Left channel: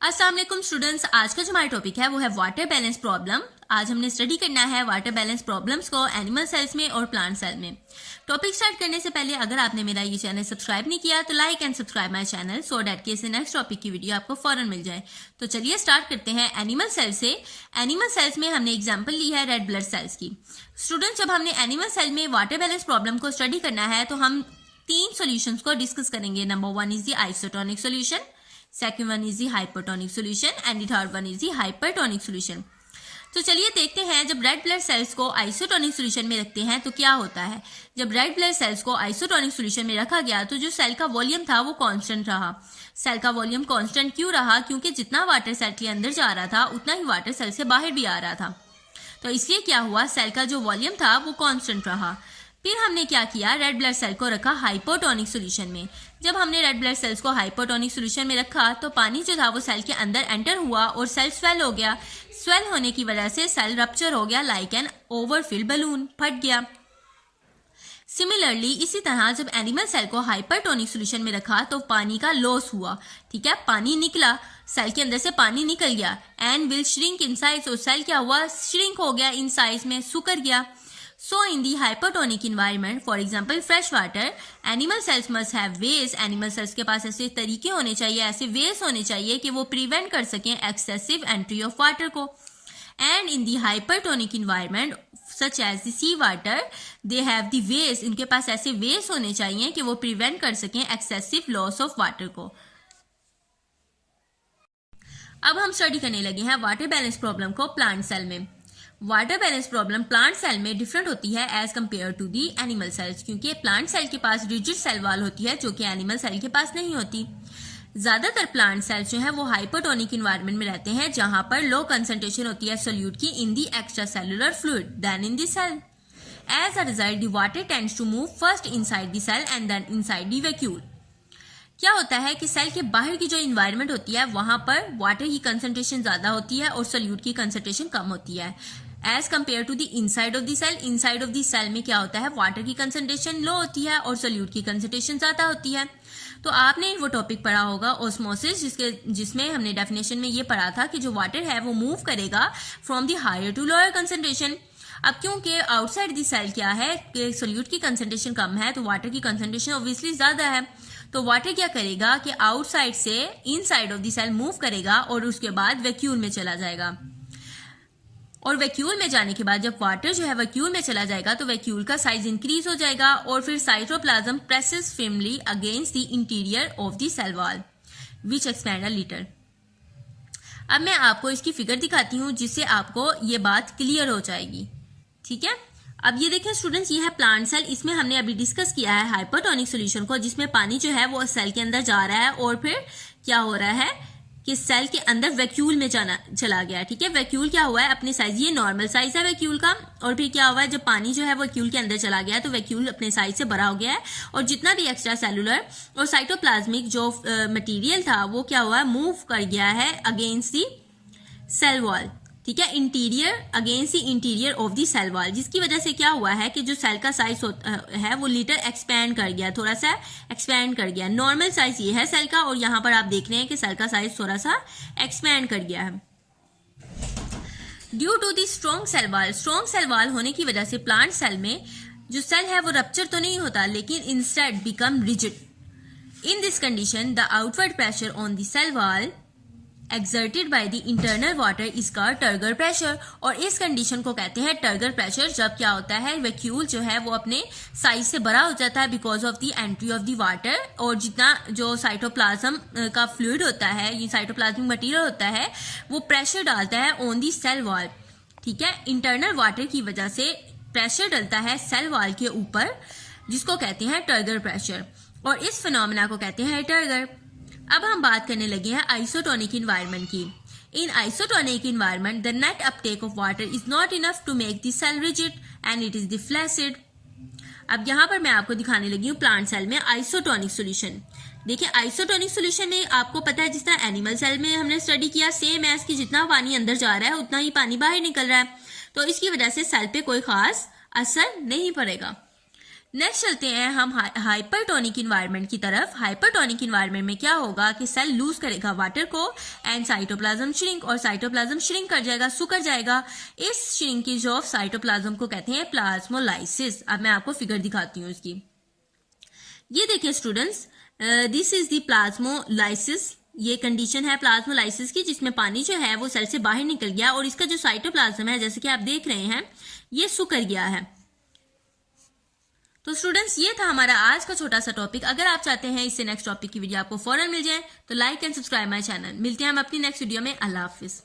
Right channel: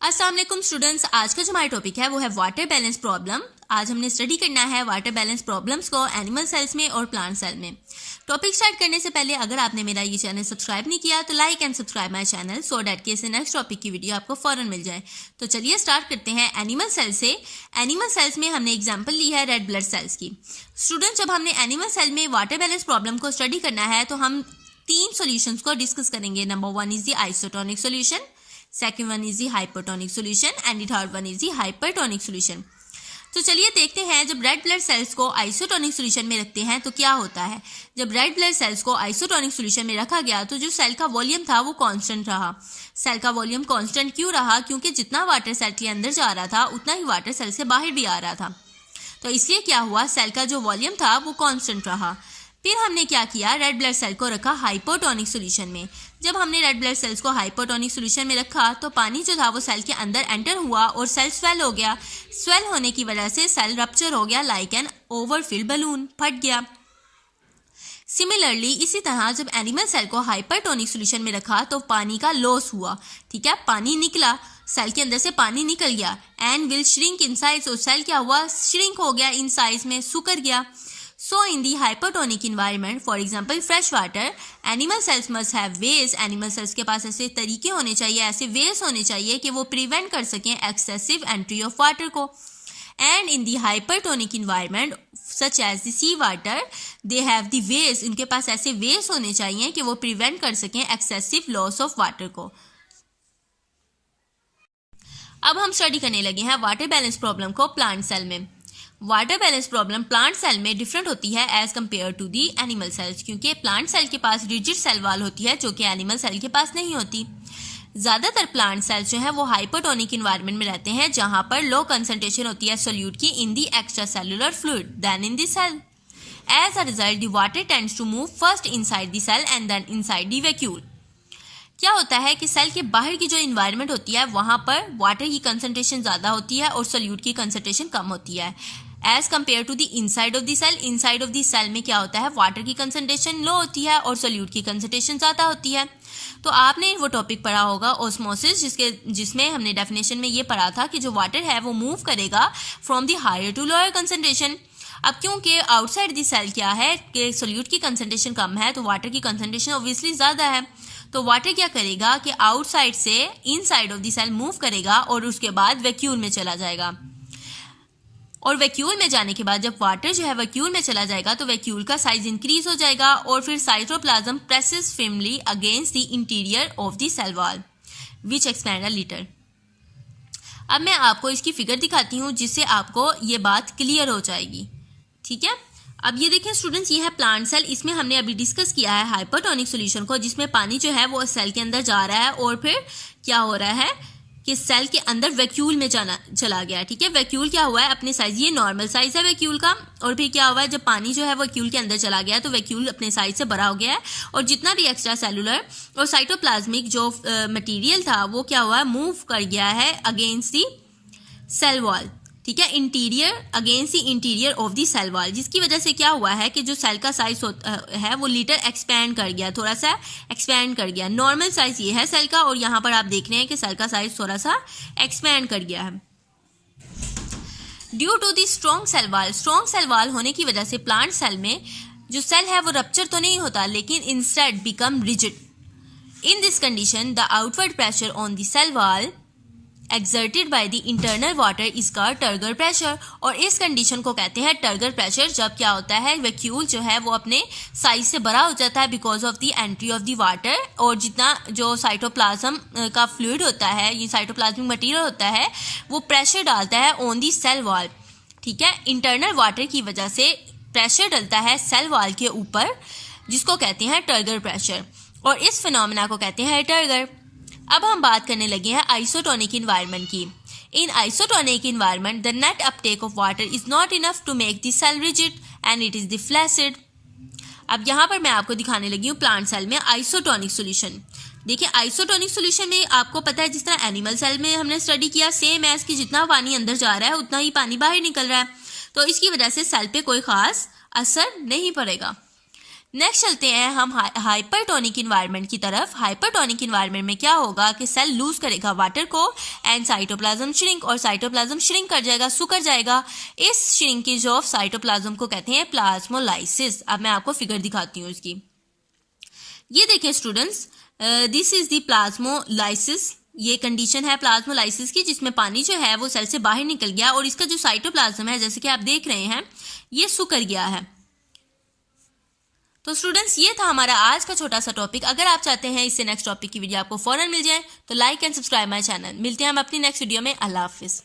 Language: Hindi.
अस्सलाम वालेकुम स्टूडेंट्स, आज का जो हमारा टॉपिक है वो है वाटर बैलेंस प्रॉब्लम। आज हमने स्टडी करना है वाटर बैलेंस प्रॉब्लम्स को एनिमल सेल्स में और प्लांट सेल में। टॉपिक स्टार्ट करने से पहले अगर आपने मेरा ये चैनल सब्सक्राइब नहीं किया तो like and subscribe my channel so that कि इससे नेक्स्ट टॉपिक की वीडियो आपको फौरन मिल जाए। तो चलिए स्टार्ट करते हैं एनिमल सेल से। एनिमल सेल्स में हमने एग्जाम्पल ली है रेड ब्लड सेल्स की। स्टूडेंट, जब हमने एनिमल सेल में वाटर बैलेंस प्रॉब्लम को स्टडी करना है तो हम 3 सॉल्यूशंस को डिस्कस करेंगे। Number 1 is the isotonic solution, second one is the hypertonic solution and the third one is the hypertonic solution। तो चलिए देखते हैं, जब रेड ब्लड सेल्स को आइसोटोनिक सॉल्यूशन में रखते हैं तो क्या होता है। जब रेड ब्लड सेल्स को आइसोटोनिक सॉल्यूशन में रखा गया तो जो सेल का वॉल्यूम था वो कांस्टेंट रहा। सेल का वॉल्यूम कांस्टेंट क्यों रहा? क्योंकि जितना वाटर सेल के अंदर जा रहा था उतना ही वाटर सेल से बाहर भी आ रहा था। तो इसलिए क्या हुआ, सेल का जो वॉल्यूम था वो कांस्टेंट रहा। फिर हमने क्या किया, रेड ब्लड सेल को रखा हाइपोटोनिक सॉल्यूशन में। जब हमने रेड ब्लड सेल्स को हाइपोटोनिक सॉल्यूशन में रखा तो पानी जो था वो सेल के अंदर एंटर हुआ और सेल स्वेल हो गया। स्वेल होने की वजह से सेल रप्चर हो गया लाइक एन ओवरफिल्ड बलून, फट गया। सिमिलरली इसी तरह जब एनिमल सेल को हाइपरटोनिक सॉल्यूशन में रखा तो पानी का लॉस हुआ। ठीक है, पानी निकला, सेल के अंदर से पानी निकल गया and will shrink in size. और सेल क्या हुआ, श्रिंक हो गया इन साइज में, सुकर गया। So in the hypertonic environment, for example fresh water, animal cells must have ways। animal cells के पास ऐसे तरीके होने चाहिए, ऐसे ways होने चाहिए कि वो prevent कर सकें excessive entry of water को। And in the hypertonic environment such as the sea water, they have the ways। उनके पास ऐसे ways होने चाहिए कि वो prevent कर सकें excessive loss of water को। अब हम स्टडी करने लगे हैं वाटर बैलेंस प्रॉब्लम को प्लांट सेल में। Water balance problem plant cell में डिफरेंट होती है as compare to the animal cells, क्योंकि प्लांट सेल के पास रिजिड सेल वॉल होती है जो कि एनिमल सेल के पास नहीं होती। ज्यादातर प्लांट सेल्स जो है वो हाइपोटोनिक इन्वायरमेंट में रहते हैं जहां पर लो कंसंट्रेशन होती है सोल्यूट की in the extracellular fluid then in the cell. As a result the water tends to move first inside the cell and then inside the vacuole. क्या होता है कि सेल के बाहर की जो इन्वायरमेंट होती है वहां पर वाटर की कंसंट्रेशन ज्यादा होती है और सोल्यूट की कंसंट्रेशन कम होती है as compare to the inside of the cell. Inside of the cell में क्या होता है, वाटर की कंसंट्रेशन लो होती है और सोल्यूट की कंसंट्रेशन ज्यादा होती है। तो आपने वो टॉपिक पढ़ा होगा ऑस्मोसिस, जिसमें हमने डेफिनेशन में ये पढ़ा था कि जो वाटर है वो मूव करेगा from the higher to lower concentration. अब क्योंकि आउटसाइड द सेल क्या है कि सोल्यूट की कंसंट्रेशन कम है तो वाटर की कंसंट्रेशन ऑब्वियसली ज्यादा है। तो वाटर क्या करेगा कि आउटसाइड से inside of the cell move करेगा और उसके बाद वैक्यूल में चला जाएगा। और वैक्यूल में जाने के बाद जब वाटर जो है वैक्यूल में चला जाएगा तो वैक्यूल का साइज इंक्रीज हो जाएगा और फिर cytoplasm presses firmly against the interior of the cell wall which expand a little. अब मैं आपको इसकी फिगर दिखाती हूँ जिससे आपको ये बात क्लियर हो जाएगी। ठीक है, अब ये देखें स्टूडेंट्स, ये है प्लांट सेल। इसमें हमने अभी डिस्कस किया है हाइपोटोनिक सॉल्यूशन को, जिसमें पानी जो है वो सेल के अंदर जा रहा है और फिर क्या हो रहा है कि सेल के अंदर वैक्यूल में चला गया। ठीक है, वैक्यूल क्या हुआ है, अपने साइज, ये नॉर्मल साइज है वैक्यूल का, और फिर क्या हुआ है जब पानी जो है वैक्यूल के अंदर चला गया तो वैक्यूल अपने साइज से बड़ा हो गया है और जितना भी एक्स्ट्रा सेलुलर और साइटोप्लाज्मिक जो मटेरियल था वो क्या हुआ है, मूव कर गया है अगेंस्ट दी सेल वॉल। ठीक है, interior against the interior of the cell wall, जिसकी वजह से क्या हुआ है कि जो सेल का साइज है वो लिटर एक्सपैंड कर गया, थोड़ा सा एक्सपैंड कर गया। नॉर्मल साइज ये है सेल का और यहाँ पर आप देख रहे हैं कि सेल का साइज थोड़ा सा एक्सपैंड कर गया है due to the strong cell wall. Strong cell wall होने की वजह से प्लांट सेल में जो सेल है वो रप्चर तो नहीं होता लेकिन instead become rigid. In this condition the outward pressure on the cell wall exerted by the internal water is called turgor pressure. और इस कंडीशन को कहते हैं टर्गर प्रेशर। जब क्या होता है, वैक्यूल जो है वो अपने साइज से बड़ा हो जाता है because of the entry of the water, और जितना जो साइटोप्लाज्म का फ्लूइड होता है, ये साइटोप्लाज्मिक मटेरियल होता है, वो प्रेशर डालता है ऑन दी सेल वॉल। ठीक है, इंटरनल वाटर की वजह से प्रेशर डलता है सेल वॉल के ऊपर, जिसको कहते हैं टर्गर प्रेशर, और इस फिनोमेना को कहते हैं टर्गर। अब हम बात करने लगे हैं आइसोटोनिक इन्वायरमेंट की। In isotonic environment the net uptake of water is not enough to make the cell rigid and it is the flaccid. अब यहाँ पर मैं आपको दिखाने लगी हूँ प्लांट सेल में आइसोटोनिक सॉल्यूशन। देखिए, आइसोटोनिक सॉल्यूशन में आपको पता है जिस तरह एनिमल सेल में हमने स्टडी किया, सेम एज कि जितना पानी अंदर जा रहा है उतना ही पानी बाहर निकल रहा है, तो इसकी वजह से सेल पे कोई खास असर नहीं पड़ेगा। नेक्स्ट चलते हैं हम हाइपरटोनिक इन्वायरमेंट की तरफ। हाइपरटोनिक इन्वायरमेंट में क्या होगा कि सेल लूज करेगा वाटर को एंड साइटोप्लाज्म श्रिंक, और साइटोप्लाज्म श्रिंक कर जाएगा, सुकर जाएगा। इस श्रिंकेज ऑफ साइटोप्लाज्म को कहते हैं प्लाज्मोलाइसिस। अब मैं आपको फिगर दिखाती हूँ इसकी। ये देखिए students, this is the plasmolysis. ये कंडीशन है प्लाज्मोलाइसिस की, जिसमें पानी जो है वो सेल से बाहर निकल गया और इसका जो साइटोप्लाज्म है, जैसे कि आप देख रहे हैं, ये सुकर गया है। तो स्टूडेंट्स, ये था हमारा आज का छोटा सा टॉपिक। अगर आप चाहते हैं इससे नेक्स्ट टॉपिक की वीडियो आपको फौरन मिल जाए तो like and subscribe my channel. मिलते हैं हम अपनी नेक्स्ट वीडियो में। अल्लाह हाफिज।